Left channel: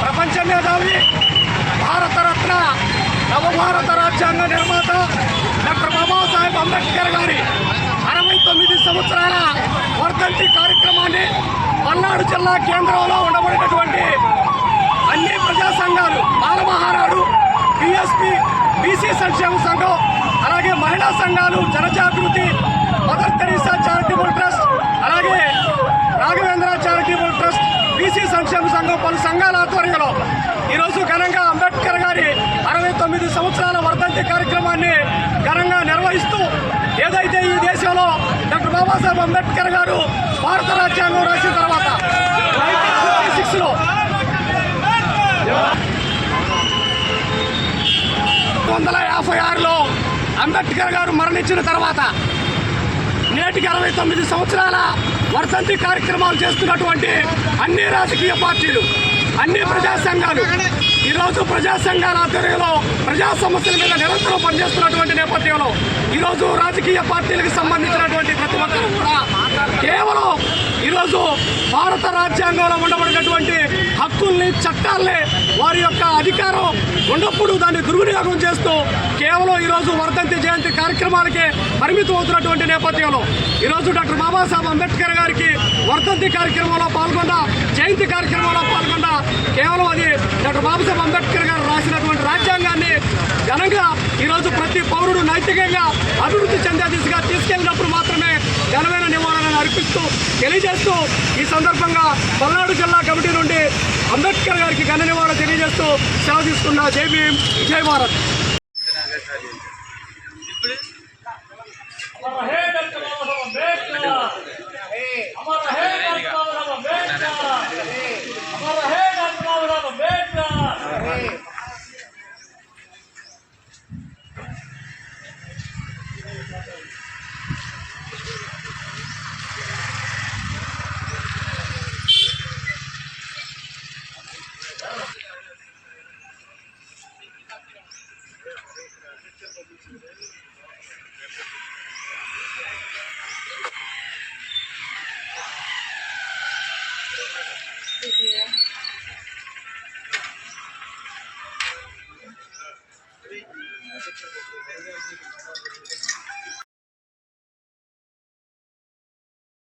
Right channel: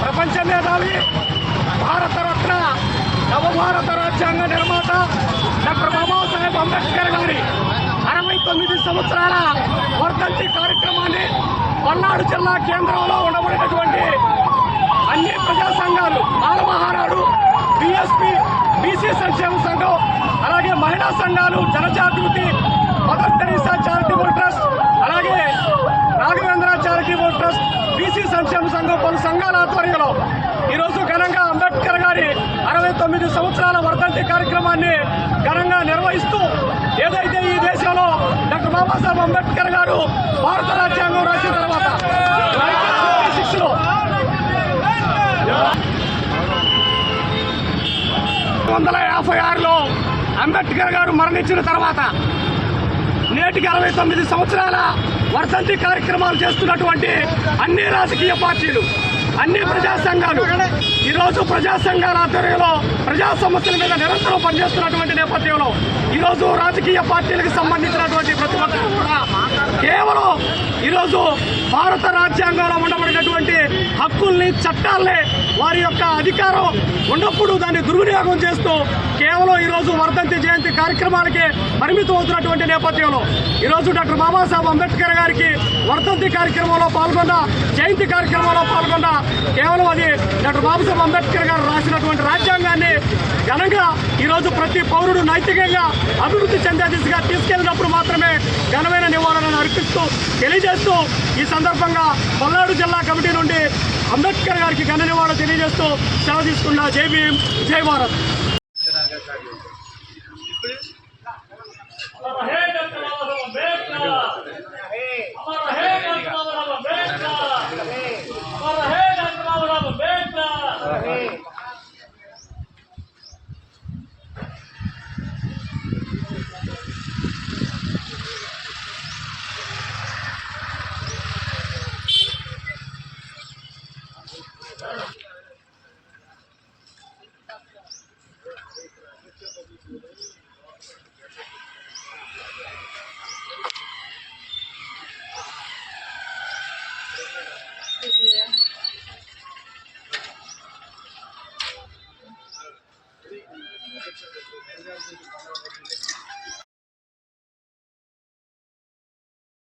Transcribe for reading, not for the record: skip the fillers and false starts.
ప్రపంచ మేధావి భారతరత్న నవభారత రాజ్యాంగ నిర్మాత డాక్టర్ బాబాసాహెబ్ అంబేద్కర్ గారి 69 సంవత్సరాల వర్ధంతి కార్యక్రమాన్ని పల్నాడు జిల్లా కేంద్రంలో ఉండబడినటువంటి అన్ని ప్రజా సంఘాలు బాలమహానాడు, బిఎస్పి, బీసీ సంక్షేమ సంఘం, అలాగే మహిళా సంఘాలు, జనజాగృతి, మదర్ తెరీసా చారిటబుల్ ట్రస్ట్, అలాగే రాఘవేంద్ర చారిటబుల్ ట్రస్ట్, బీసీ సంక్షేమ సంఘం పలు సంఘాల ఆధ్వర్యంలో ఈరోజు ఘనంగా అంబేద్కర్ గారి 69 సంవత్సరాల వర్ధంతి కార్యక్రమాన్ని ఘనంగా నిర్వహిస్తూ ఏదైతే ఈ దేశంలో డాక్టర్ బాబాసాహెబ్ అంబేద్కర్ గారు భారత రాజ్యాంగం రాసిన తర్వాత 1956లో 1956లో అంబేద్కర్ గారు మరణించిన తర్వాత నేటికి 69 సంవత్సరాల వర్ధంతి కార్యక్రమాలు చేస్తున్నటువంటి అన్ని రాజకీయ పార్టీలు, అన్ని ప్రజా సంఘాలు ఈరోజు ప్రజా సంఘాల ఆధ్వర్యంలో ప్రజా సమస్యల మీద నిరంతరం పనిచేస్తున్నటువంటి నేపథ్యంలో ఈరోజు రాజకీయ పార్టీలకు సంబంధించినటువంటి ప్రతి ఒక్కరు కూడా కేవలం ఈరోజు భారత రాజ్యాంగంలో ఉండబడినటువంటి హక్కుల్ని, చట్టాలనే వారి యొక్క అధికారం ఉన్నప్పుడు దాన్ని దుర్వినియోగం చేస్తూ కేవలం ఈరోజు వర్ధంతి జయంతి కార్యక్రమాలకే పరిమితం అవుతున్నటువంటి నేపథ్యంలో ఈరోజు డాక్టర్ బాబాసాహెబ్ అంబేద్కర్ గారికి వర్ధంతి కార్యక్రమంలో పాల్గొన్న, జయంతి కార్యక్రమంలో పాల్గొన్న కేవలం అది డాక్టర్ బాబాసాహెబ్ అంబేద్కర్ గారు రాసినటువంటి రాజ్యాంగాన్ని ఘనంగా ఈరోజు ప్రతి పౌరుడు నైతికంగా అభివృద్ధి చెందే దిశగా తీసుకెళ్లినప్పుడు మాత్రమే ఘనమైన నివాళులను అర్పిస్తూ తెలియజేస్తూ ఈ సందర్భంగా పల్నాడు జిల్లా కమిటీ నుండి అంబేద్కర్ గారికి ఘన నివాళులు తెలియజేస్తూ సెలవు తీసుకున్న జై భీమ్, జై భారత్. Yeah.